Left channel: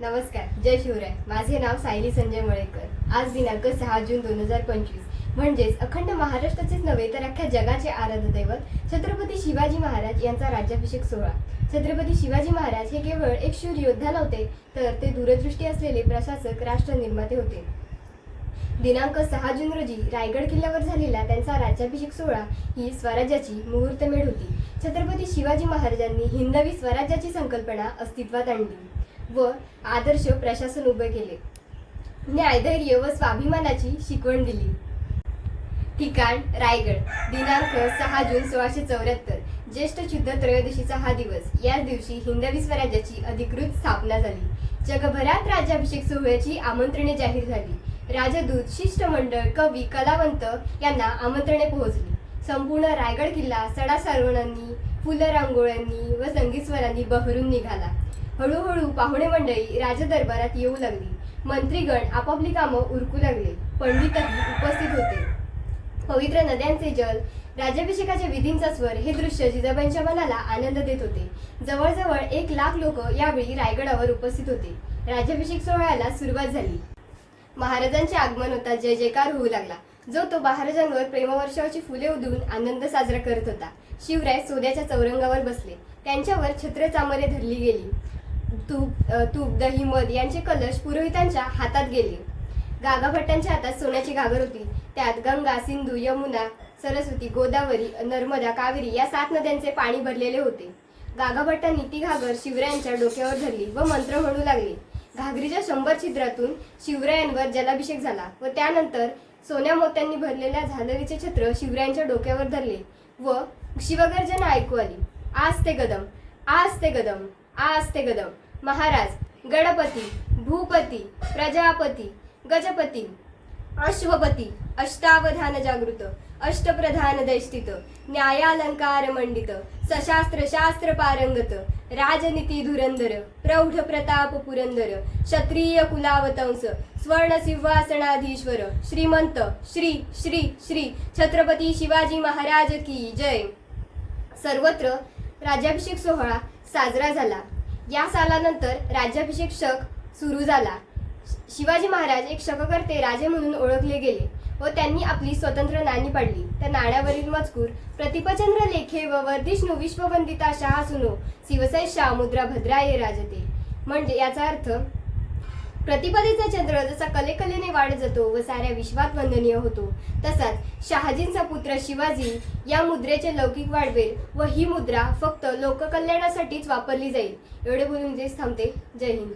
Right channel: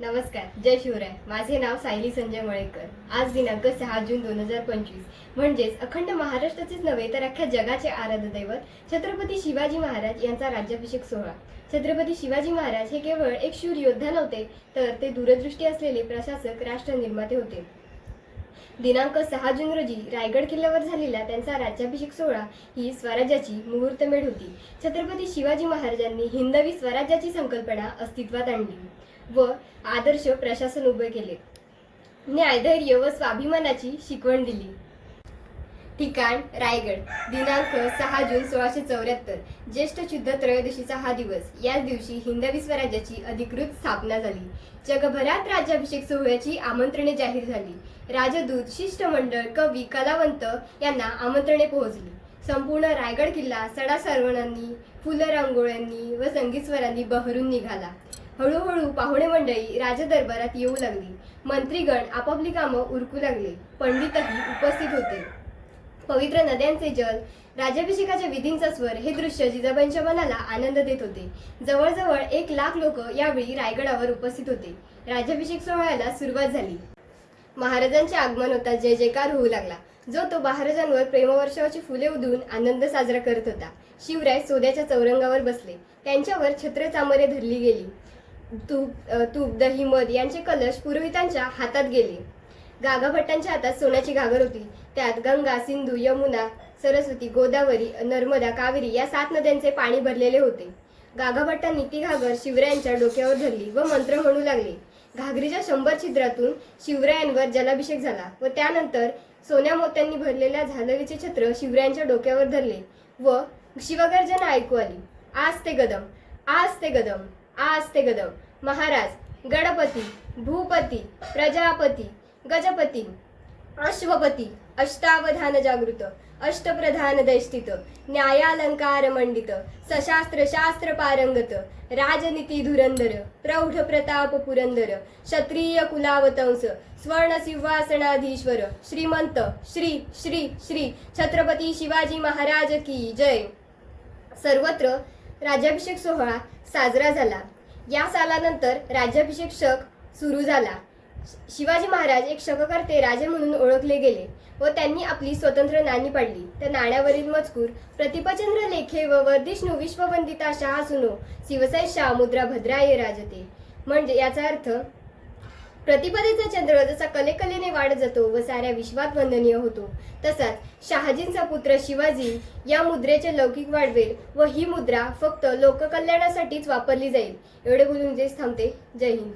नमस्कार जय शिवराय. माझे नाव सायली संजय मळेकर. आज दिनांक सहा जून दोन हजार पंचवीस. म्हणजेच अखंड महाराष्ट्राचेच नव्हे तर अख्ख्या जगाचे आराध्य दैवत छत्रपती शिवाजी महाराज यांचा राज्याभिषेक सोहळा. छत्रपती शिवाजी महाराज हे केवळ एक शूर योद्धा नव्हते तर ते दूरदृष्टी असलेले प्रशासक राष्ट्र निर्माते होते. दिनांक सहा जून रोजी रायगड किल्ल्यावर झालेला त्यांचा राज्याभिषेक सोहळा ही स्वराज्याची मुहूर्तमेढ होती. छत्रपती शिवाजी महाराजांनी हिंदवी स्वराज्याची संकल्पना अस्तित्वात आणली. व आदर्श प्रशासन उभे केले. न्यायधैर्य व स्वाभिमानाची शिकवण दिली. ठिकाण रायगड दिनांक सहा जून सोळाशे चौऱ्याहत्तर ज्येष्ठ शुद्ध त्रयोदशीचा हा दिवस. याच दिवशी हिंदवी स्वराज्याची अधिकृत स्थापना झाली. जगभरात राज्याभिषेक सोहळ्याची आमंत्रणे जाहीर झाली. राजदूत शिष्टमंडळ कवी कलावंत यांना आमंत्रणे पोहोचली. संपूर्ण रायगड किल्ला सडा सारवणांनी फुलं रांगोळ्यांनी व संगीत स्वरांनी बहरून निघाला. हळूहळू पाहुणे मंडळी राजदरबारात येऊ लागली. मंत्रीगण आपापली कामं उरकू लागले. पंडितही उपस्थित होते. पवित्र नद्यांचे जल राज्याभिषेकाच्या विधींचा स्वर हे दृश्य जिजाबाईंच्या मनाला आनंद देत होते. जवळजवळ एक लाख लोक यावेळी रायगडावर उपस्थित होते. राज्याभिषेक सोहळ्याला सुरुवात झाली. महाराजांचे आगमन होता जय जयकार होऊ लागला. जो तो महाराजांवर प्रेमवर्षाची फुले उधळून आनंद साजरा करत होता. शिवराय सोद्याच्या चौरंगावर बसले. त्यांच्यावर छत्र चामरे धरली गेली. तूप तूप दही मध यांचे कलश पुरोहितांच्या हातात गेले. गागाभट्टांच्या हातात सोन्याची घागर होती. त्यात गंगा सिंधू यमुना सरस्वती गोदावरी नर्मदा कावेरी या सात नद्यांचे पाणी भरलेले होते. गागाभट्टांनी ती घागर शिवरायांच्या डोक्यावर धरली व मंत्र म्हणू लागले. घागरीच्या शंभर छिद्रातून शिवरायांवर जलाभिषेक झाला व त्यानंतर सोन्या मोत्यांनी भरलेल्या झालरीचे छत्र शिवरायांच्या डोक्यावर धरले व शिवगर्जना ऐकू आली. आज ते गदम आज ते गदम. आस्ते ते गदम। महाराज गणपती भूपती प्रजापती गजपती अश्वपती अष्टावधान जागृत अष्टप्रधान दैष्टित न्यायालंकार मंडित सशास्त्र शास्त्र पारंगत राजनीती धुरंदर प्रौढ प्रताप पुरंदर क्षत्रिय कुलावतंस स्वर्ण सिंहासनाधीश्वर श्रीमंत श्री श्री श्री छत्रपती शिवाजी महाराज की जय। सर्वत्र राज्याभिषेक सोहळा साजरा झाला. या सालानंतर राज्याभिषेक शक सुरू झाला. शिवाजी महाराज एक शककर्ते राजे म्हणून ओळखले गेले व त्यांनी आपली स्वतंत्र नाणी पाडली. त्या नाण्यावरील मजकूर प्रतिपचंद्र लेखे व वर्धिष्णू विश्ववंदिता शहा सुनो शिवसै शाह मुद्रा भद्राये राजते. म्हणजे याचा अर्थ प्रतिपदेचा चंद्र जसा कलेकलेने वाढत जातो व साऱ्या विश्वात वंदनीय होतो. तसाच शहाजींचा पुत्र शिवाजी या मुद्रेचे लौकिक वाढवेल व ही मुद्रा फक्त लोककल्याणासाठीच वापरली जाईल. एवढे बोलून जेच थांबते. जय हिंद.